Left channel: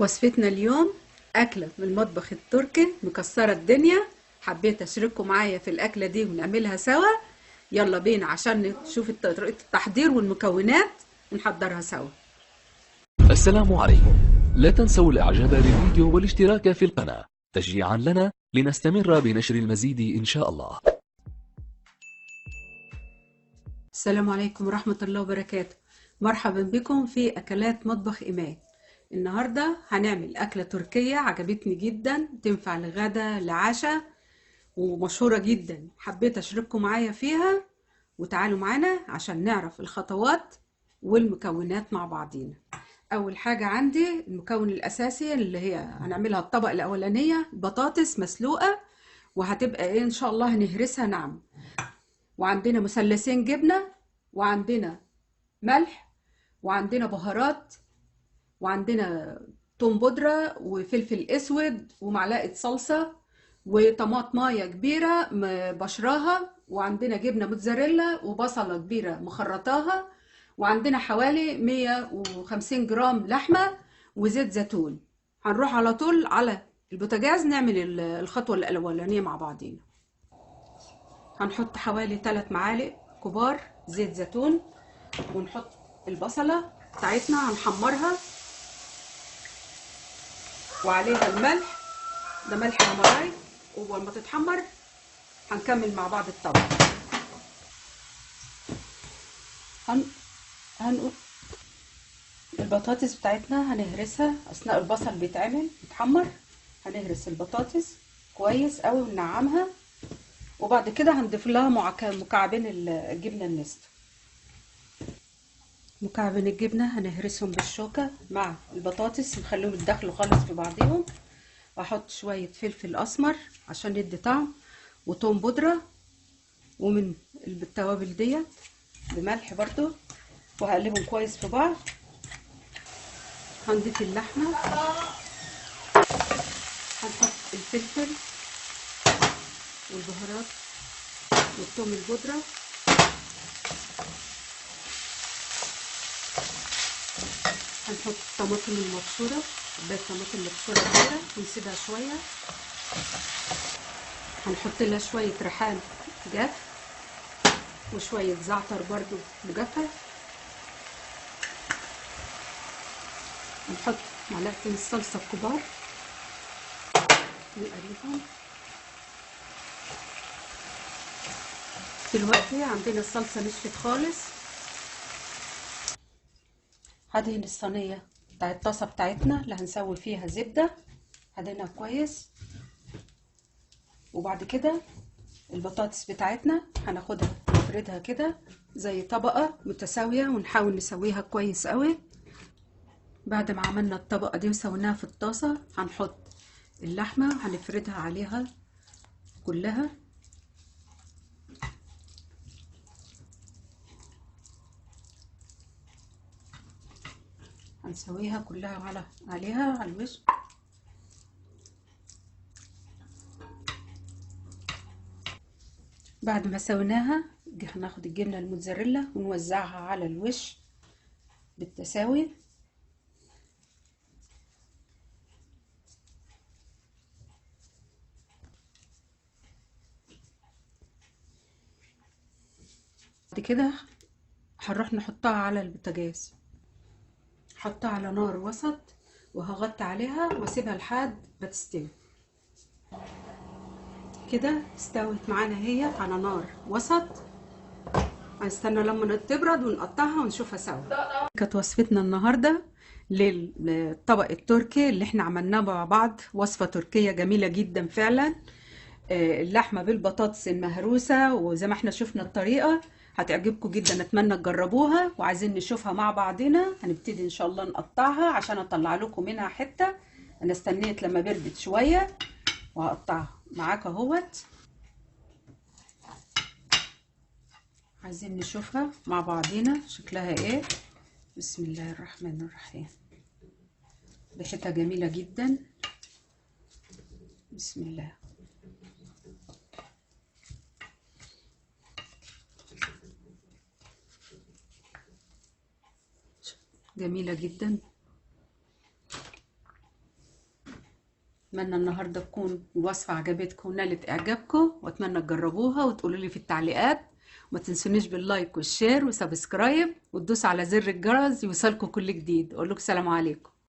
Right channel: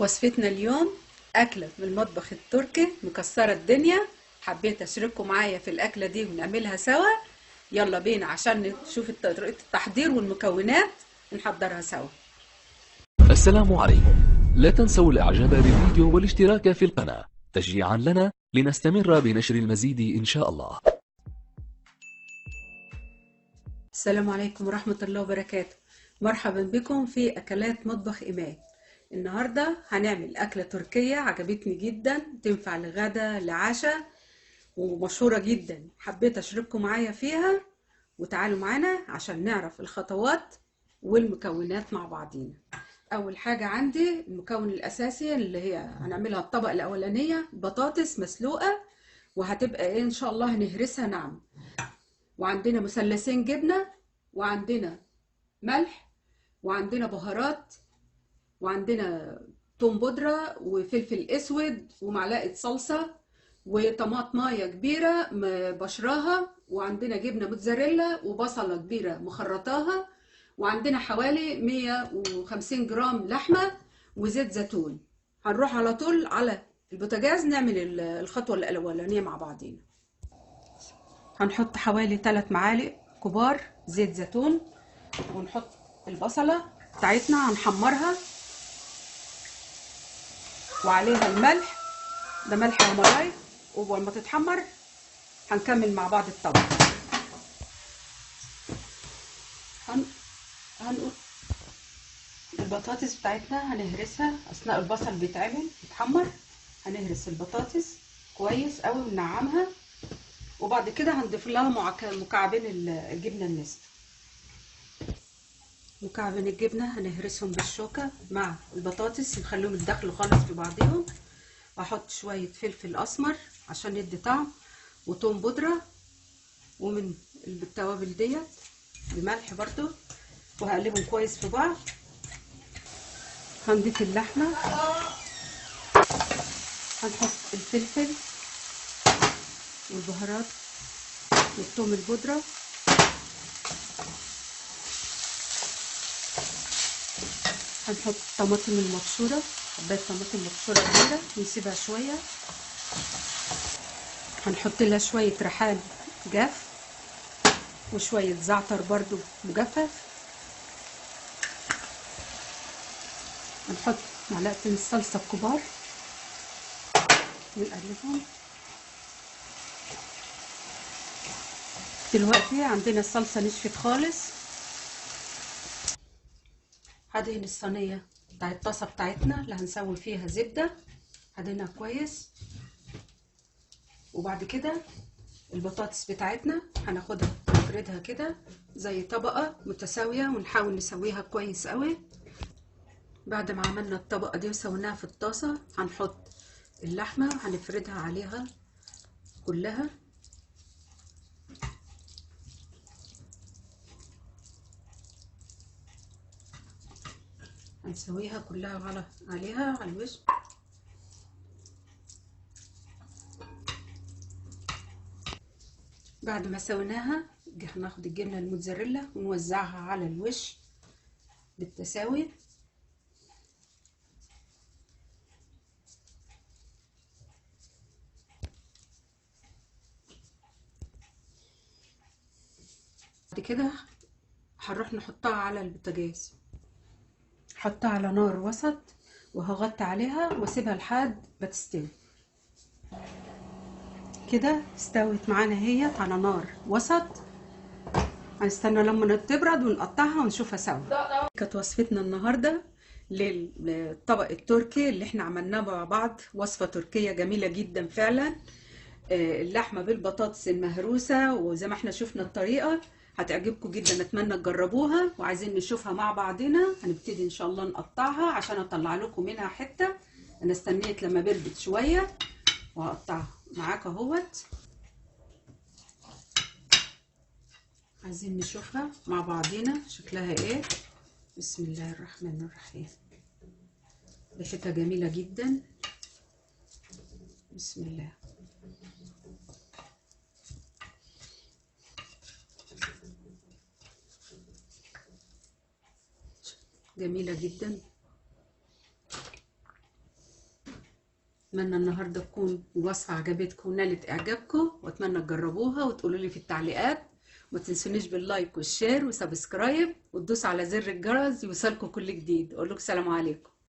وصفتنا اليوم أكلة من المطبخ التركي مكسرة الدنيا. حبيت أشارككم معايا في الأكلة دي ونعملها سوا. يلا بينا عشان نشوف طريقة التحضير والمكونات نحضرها سوا. السلام عليكم. لا تنسوا الإعجاب بالفيديو والاشتراك في القناة تشجيعا لنا لنستمر بنشر المزيد إن شاء الله. السلام عليكم ورحمة الله وبركاته. مرحبا بكم في أكلات مطبخ إيمان. النهاردة هنعمل أكلة تركية عجبتني جدا، تنفع لغدا لعشاء ومشهورة جدا. حبيت أشارككم معايا فيها وتعالوا معانا عشان نعرف الخطوات والمكونات مع بعضينا. أول حاجة عندي المكون الأساسي اللي هي هنعملها الطبق الأولانية، بطاطس مسلوقة وهتبقى إيه إن شاء الله هنهرسها ناعم. وعندنا مثلثين جبنة، وعندنا ملح، وعندنا بهارات، وعندنا توم بودرة وفلفل اسود ومعلقة صلصة وطماطمايه كبيرة بشراها، وعندنا جبنة موتزاريلا وبصلة كبيرة مخرطاها، وعندنا حوالي 150 جرام لحمة وزيت زيتون. هنروح على طول على البوتاجاز نعمل الخطوة الأولانية مع بعضينا. هنحط حوالي 3 معالق كبار زيت زيتون، ونحط البصلة بتاعتنا هنحمرها وعليها الملح، ده ملح حمراي، ولما تتحمر هنكمل مع بعض الطبق. هنقول البطاطس بتاعتنا هنهرسها اثناء البصل بيتعمل يتحمر. هنهرس البطاطس كويس قوي وننعمها، وبعد كده هنضيف لها مكعبين الجبنه النستو. مكعبين الجبنه هنهرسهم بالشوكه مع البطاطس نخليهم يتدخلوا خالص في بعضهم. احط شويه فلفل اسمر عشان يدي طعم، وتوم بودره، ومن التوابل ديت بملح برضو، وهقلبهم كويس في بعض. هنضيف اللحمه، هنحط الفلفل والبهارات والثوم البودره، هنحط الطماطم المبشوره، كوبايه طماطم مبشوره كبيره ونسيبها شويه. هنحط لها شويه ريحان جاف وشويه زعتر برضو مجفف. نحط معلقتين الصلصه الكبار ونقلبهم. دلوقتي عندنا الصلصه نشفت خالص. هدهن الصينيه بتاع الطاسه بتاعتنا اللي هنسوي فيها زبده، هدهنها كويس. وبعد كده البطاطس بتاعتنا هناخدها نفردها كده زي طبقه متساويه ونحاول نسويها كويس قوي. بعد ما عملنا الطبقه دي وسويناها في الطاسه هنحط اللحمه هنفردها عليها كلها. هنسويها كلها عليها على الوش. بعد ما سويناها هناخد الجبنه الموتزاريلا ونوزعها على الوش بالتساوي. بعد كده هنروح نحطها على البوتاجاز، احطها على نار وسط وهغطي عليها واسيبها لحد ما تستوي. كده استوت معانا هي على نار وسط. هنستنى لما تبرد ونقطعها ونشوفها سوا. كانت وصفتنا النهارده للطبق التركي اللي احنا عملناه مع بعض، وصفة تركية جميلة جدا فعلا. اللحمة بالبطاطس المهروسة، وزي ما احنا شفنا الطريقة هتعجبكم جدا، اتمنى تجربوها. وعايزين نشوفها مع بعضنا. هنبتدي ان شاء الله نقطعها عشان اطلع لكم منها حتة. انا استنيت لما بردت شوية وهقطعها معاك اهوت. عايزين نشوفها مع بعضنا شكلها ايه. بسم الله الرحمن الرحيم. ريحتها جميلة جدا. بسم الله. جميلة جدا. اتمنى النهارده تكون الوصفه عجبتكم ونالت اعجابكم، واتمنى تجربوها وتقولوا لي في التعليقات. وما تنسونيش باللايك والشير وسبسكرايب وتدوسوا على زر الجرس يوصلكم كل جديد. اقول لكم سلام عليكم.